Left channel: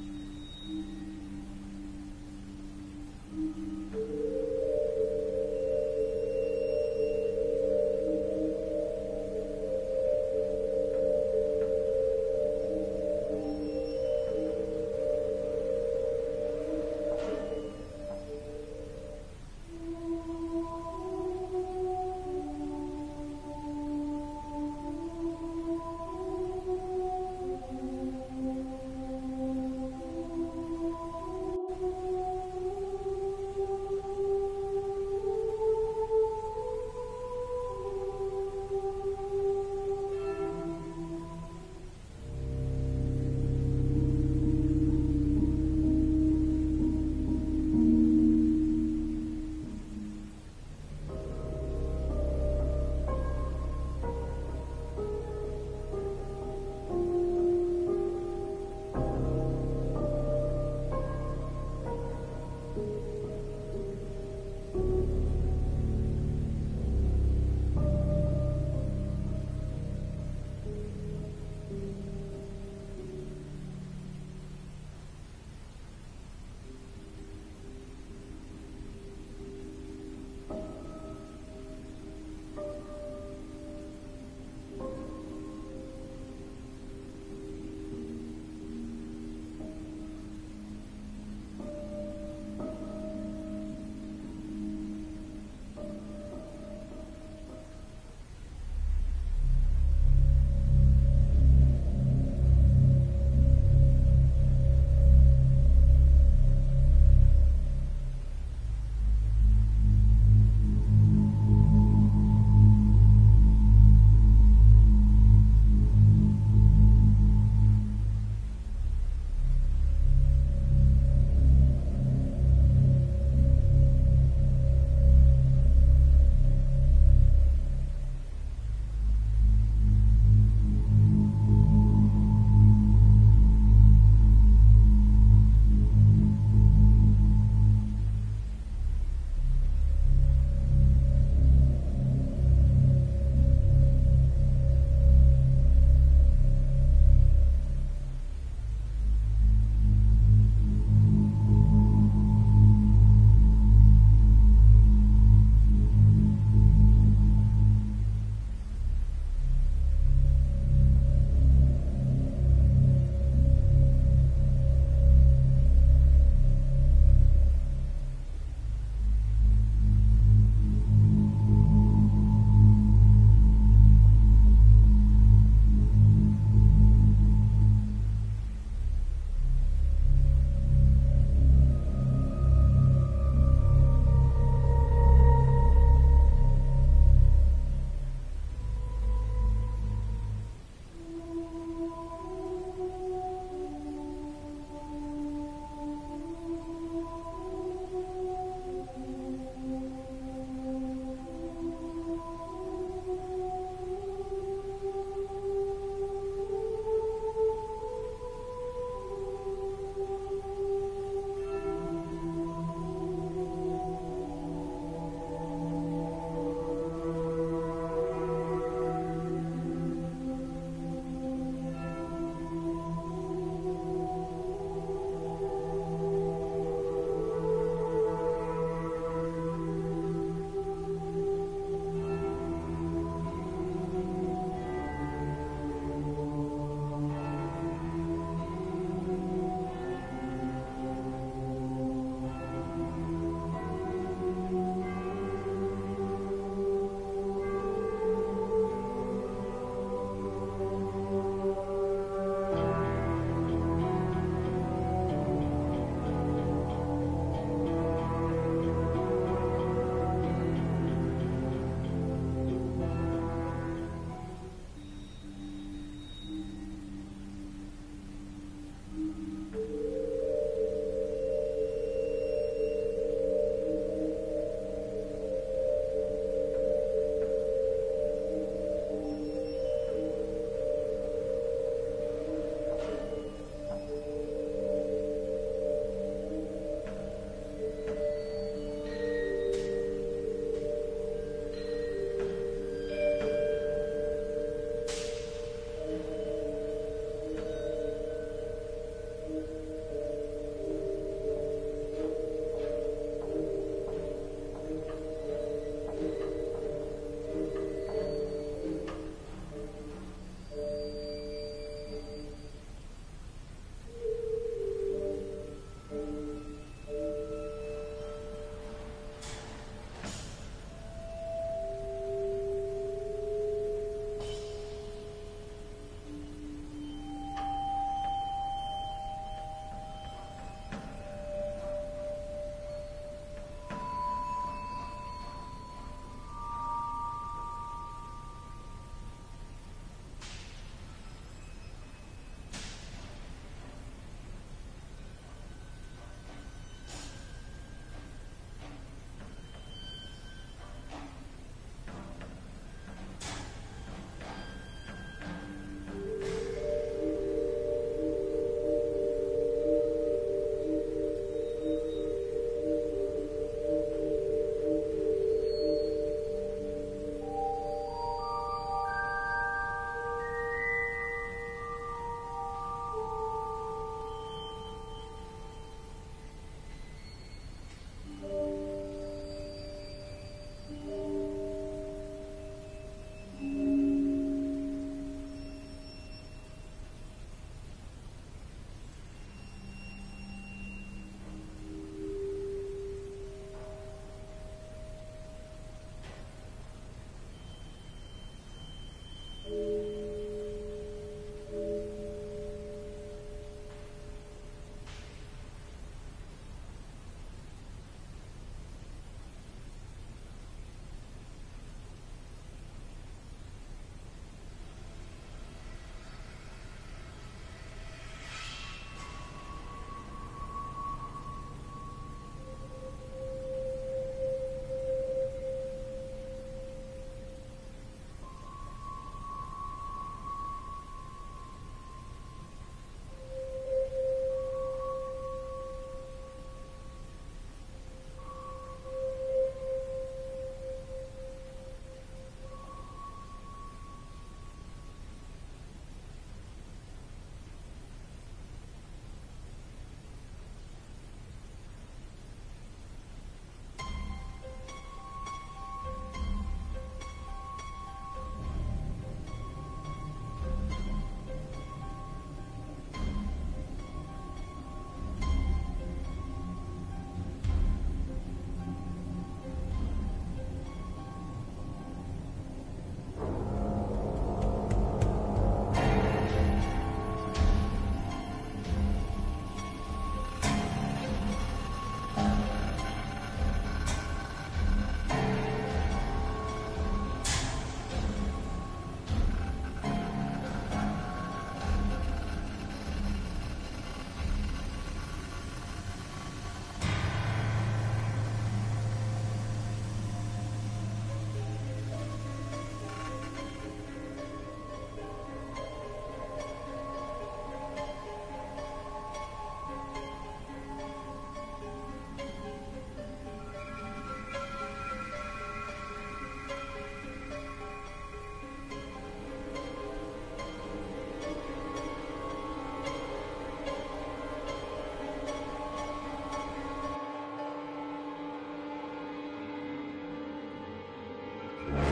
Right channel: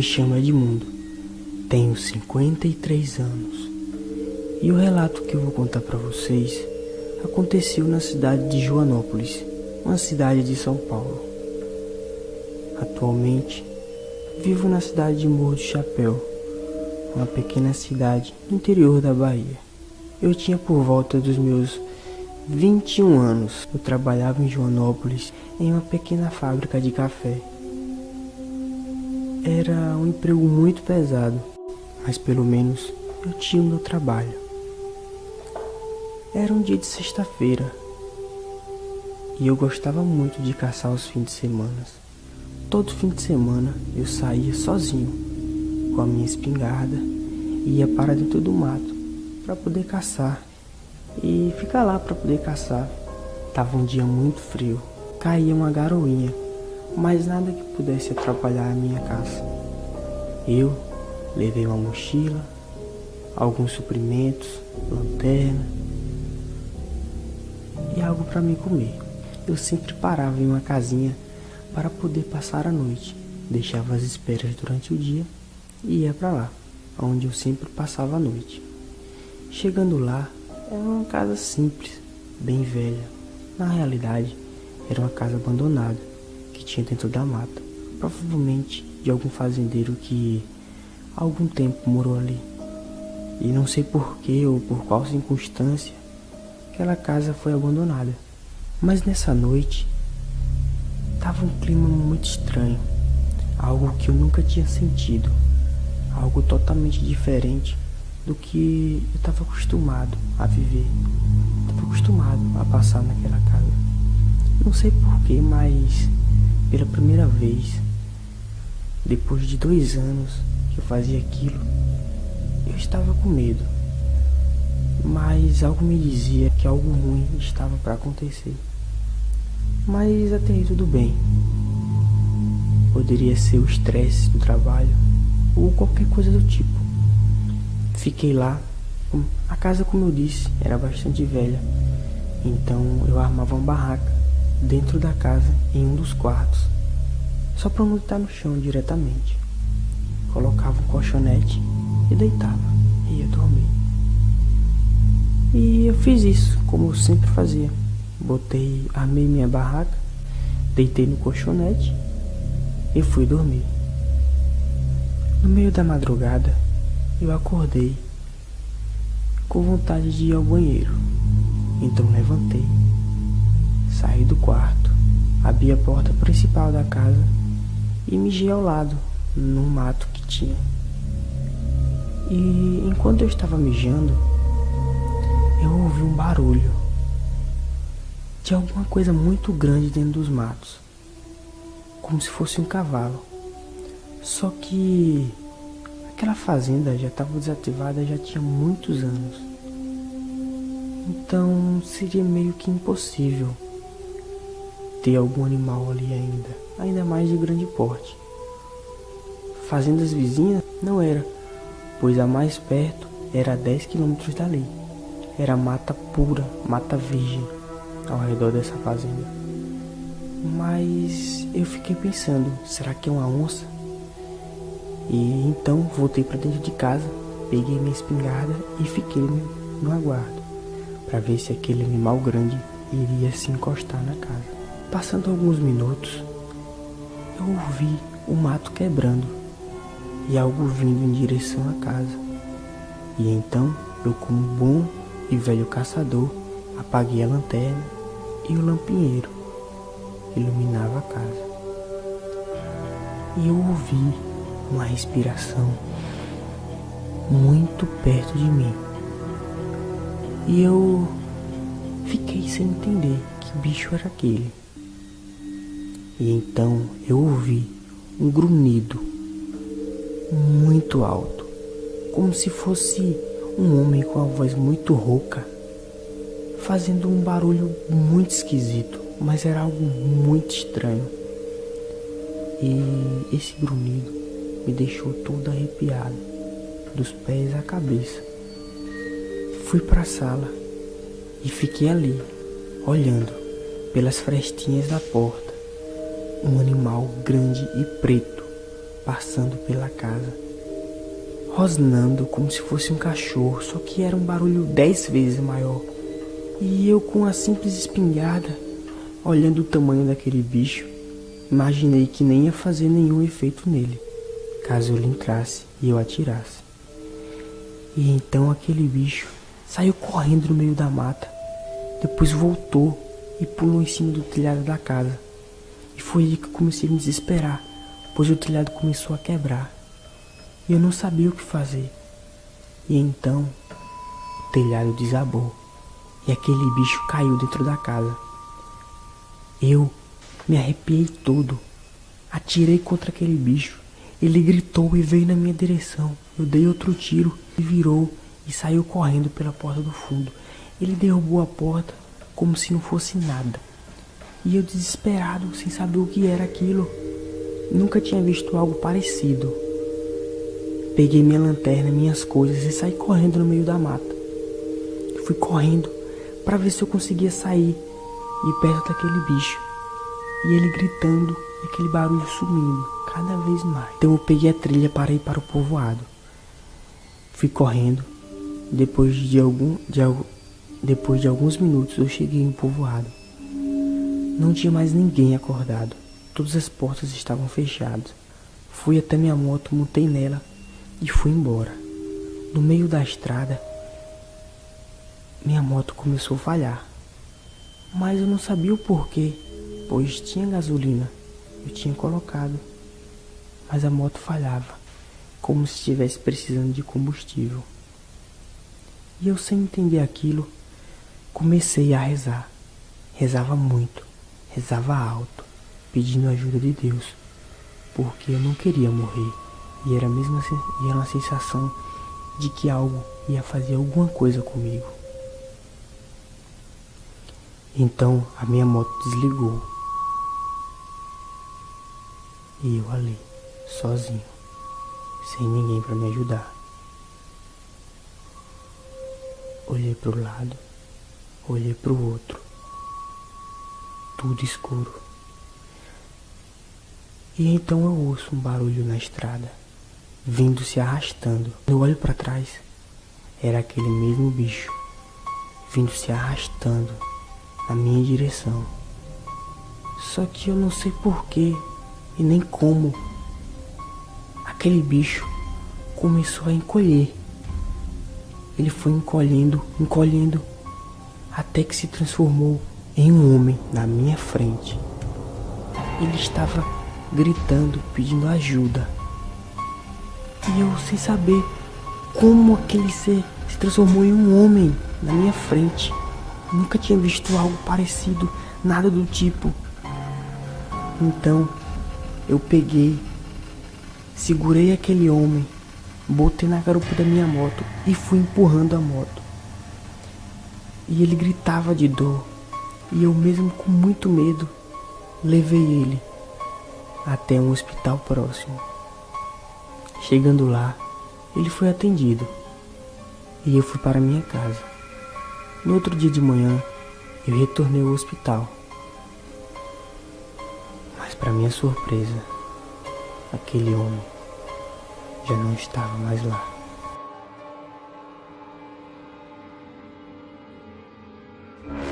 me chamo Edmundo, tenho 53 anos e o relato que eu vou contar para vocês aconteceu na cidade de Joanópolis, uma cidade de São Paulo. Atualmente, vivo na cidade de Morro do Chapéu, uma pequena cidade no interior da Bahia. Eu tinha por volta dos meus 21 anos. Eu trabalhava em Joanópolis em uma pequena fábrica de café. Era um emprego muito pesado, mas pelo menos eu tinha o meu trabalho. Era um dia de sexta-feira e eu gostava muito de caçar os fins de semana. Todo fim de semana eu saía sozinho com a minha espingarda e ia para dentro do mato para poder caçar e ficar lá para poder caçar. Tava um dia muito frio, caía uma garoinha, mas nada que pudesse atrapalhar a minha caça. Eu levei uma mochila, alguns suprimentos, lanterna e algo para me comer. Eu sempre parava em uma casinha para poder passar a noite. Deixava as esperas durante o dia e ia para lá, onde eu sempre passava a noite. Chegando lá, era uma casa simples, bem velha. Na realidade, era uma casa abandonada que tinha dentro da mata, provavelmente de algum fazendeiro que há algum tempo morou ali. E não sei por que ou por qual circunstância aquela casa foi abandonada. Mas nessa noite tava um clima muito estranho, algo que eu nunca tinha sentido, algo totalmente diferente do que eu estava acostumado a viver. Estava acostumado a passar naquela casa. Não sei porquê, mas pela primeira vez, depois de 2 anos que eu fazia aquilo, eu estava com medo. Mas algo me dizia que algo ruim estava para acontecer. Mas até aí tudo bem. Poderia ser o estresse do trabalho ou qualquer coisa do tipo. Fiquei lá. A casa, como eu disse, era bastante velha. Então eu armava uma barraca dentro da casa em um dos quartos, só para não deitar no chão diretamente. Colocava um colchonete e deitava e ia dormir. E eu fiz isso como eu sempre fazia. Armei minha barraca, deitei no colchonete e fui dormir. No meio da madrugada, eu acordei com vontade de ir ao banheiro. Então levantei, saí do quarto, abri a porta principal da casa e mijei ao lado, num mato que tinha. E enquanto eu estava mijando, eu ouvi um barulho de alguma coisa muito grande dentro dos matos, como se fosse um cavalo. Só que aquela fazenda já estava desativada já tinha muitos anos. Então seria meio que impossível ter algum animal ali ainda mais de grande porte. Fazendas vizinhas não era, pois a mais perto era a 10 quilômetros dali. Era mata pura, mata virgem ao redor dessa fazenda. Mas eu fiquei pensando, será que é uma onça? E então voltei para dentro de casa, peguei minha espingarda e fiquei no aguardo para ver se aquele animal grande iria se encostar na casa. Passando alguns minutos, eu ouvi o mato quebrando e algo vindo em direção à casa. E então eu, como bom e velho caçador, apaguei a lanterna e o lampinheiro iluminava a casa. E eu ouvi uma respiração muito perto de mim. E eu fiquei sem entender que bicho era aquele. E então eu ouvi um grunhido muito alto, como se fosse um homem com a voz muito rouca, fazendo um barulho muito esquisito, mas era algo muito estranho. E esse grunhido me deixou todo arrepiado, dos pés à cabeça. Fui para a sala e fiquei ali, olhando pelas frestinhas da porta, um animal grande e preto, passando pela casa, rosnando como se fosse um cachorro, só que era um barulho 10 vezes maior. E eu, com a simples espingarda, olhando o tamanho daquele bicho, imaginei que nem ia fazer nenhum efeito nele, caso ele entrasse e eu atirasse. E então aquele bicho saiu correndo no meio da mata, depois voltou e pulou em cima do telhado da casa. E foi aí que eu comecei a me desesperar, pois o telhado começou a quebrar e eu não sabia o que fazer. E então o telhado desabou e aquele bicho caiu dentro da casa. Eu me arrepiei todo, atirei contra aquele bicho. Ele gritou e veio na minha direção. Eu dei outro tiro e virou e saiu correndo pela porta do fundo. Ele derrubou a porta como se não fosse nada. E eu, desesperado, sem saber o que era aquilo, nunca tinha visto algo parecido. Peguei minha lanterna, minhas coisas e saí correndo no meio da mata. Eu fui correndo para ver se eu conseguia sair de perto daquele bicho. E ele gritando e aquele barulho sumindo cada vez mais. Então eu peguei a trilha para ir para o povoado. Fui correndo. Depois de alguns minutos eu cheguei no povoado. Não tinha mais ninguém acordado. Todas as portas estavam fechadas. Fui até minha moto, montei nela e fui embora. No meio da estrada, minha moto começou a falhar. Mas eu não sabia o porquê, pois tinha gasolina. Eu tinha colocado, mas a moto falhava, como se estivesse precisando de combustível. E eu, sem entender aquilo, comecei a rezar. Rezava muito, rezava alto, pedindo ajuda de Deus, porque eu não queria morrer. E era uma sensação de que algo ia fazer alguma coisa comigo. Então a minha moto desligou. E eu ali, sozinho, sem ninguém para me ajudar. Olhei para o lado, olhei para o outro. Tudo escuro. E então eu ouço um barulho na estrada, vindo se arrastando. Eu olho para trás, era aquele mesmo bicho, vindo se arrastando na minha direção. Só que eu não sei porquê e nem como aquele bicho começou a encolher. Ele foi encolhendo, até que se transformou em um homem na minha frente. Ele estava gritando, pedindo ajuda. E eu, sem saber como aquele ser se transformou em um homem na minha frente. Nunca tinha visto algo parecido, nada do tipo. Então eu peguei, segurei aquele homem, botei na garupa da minha moto e fui empurrando a moto. E ele gritava de dor, e eu, mesmo com muito medo, levei ele até um hospital próximo. Chegando lá, ele foi atendido e eu fui para minha casa. No outro dia de manhã, eu retornei ao hospital. Mas, para minha surpresa, aquele homem já não estava mais lá.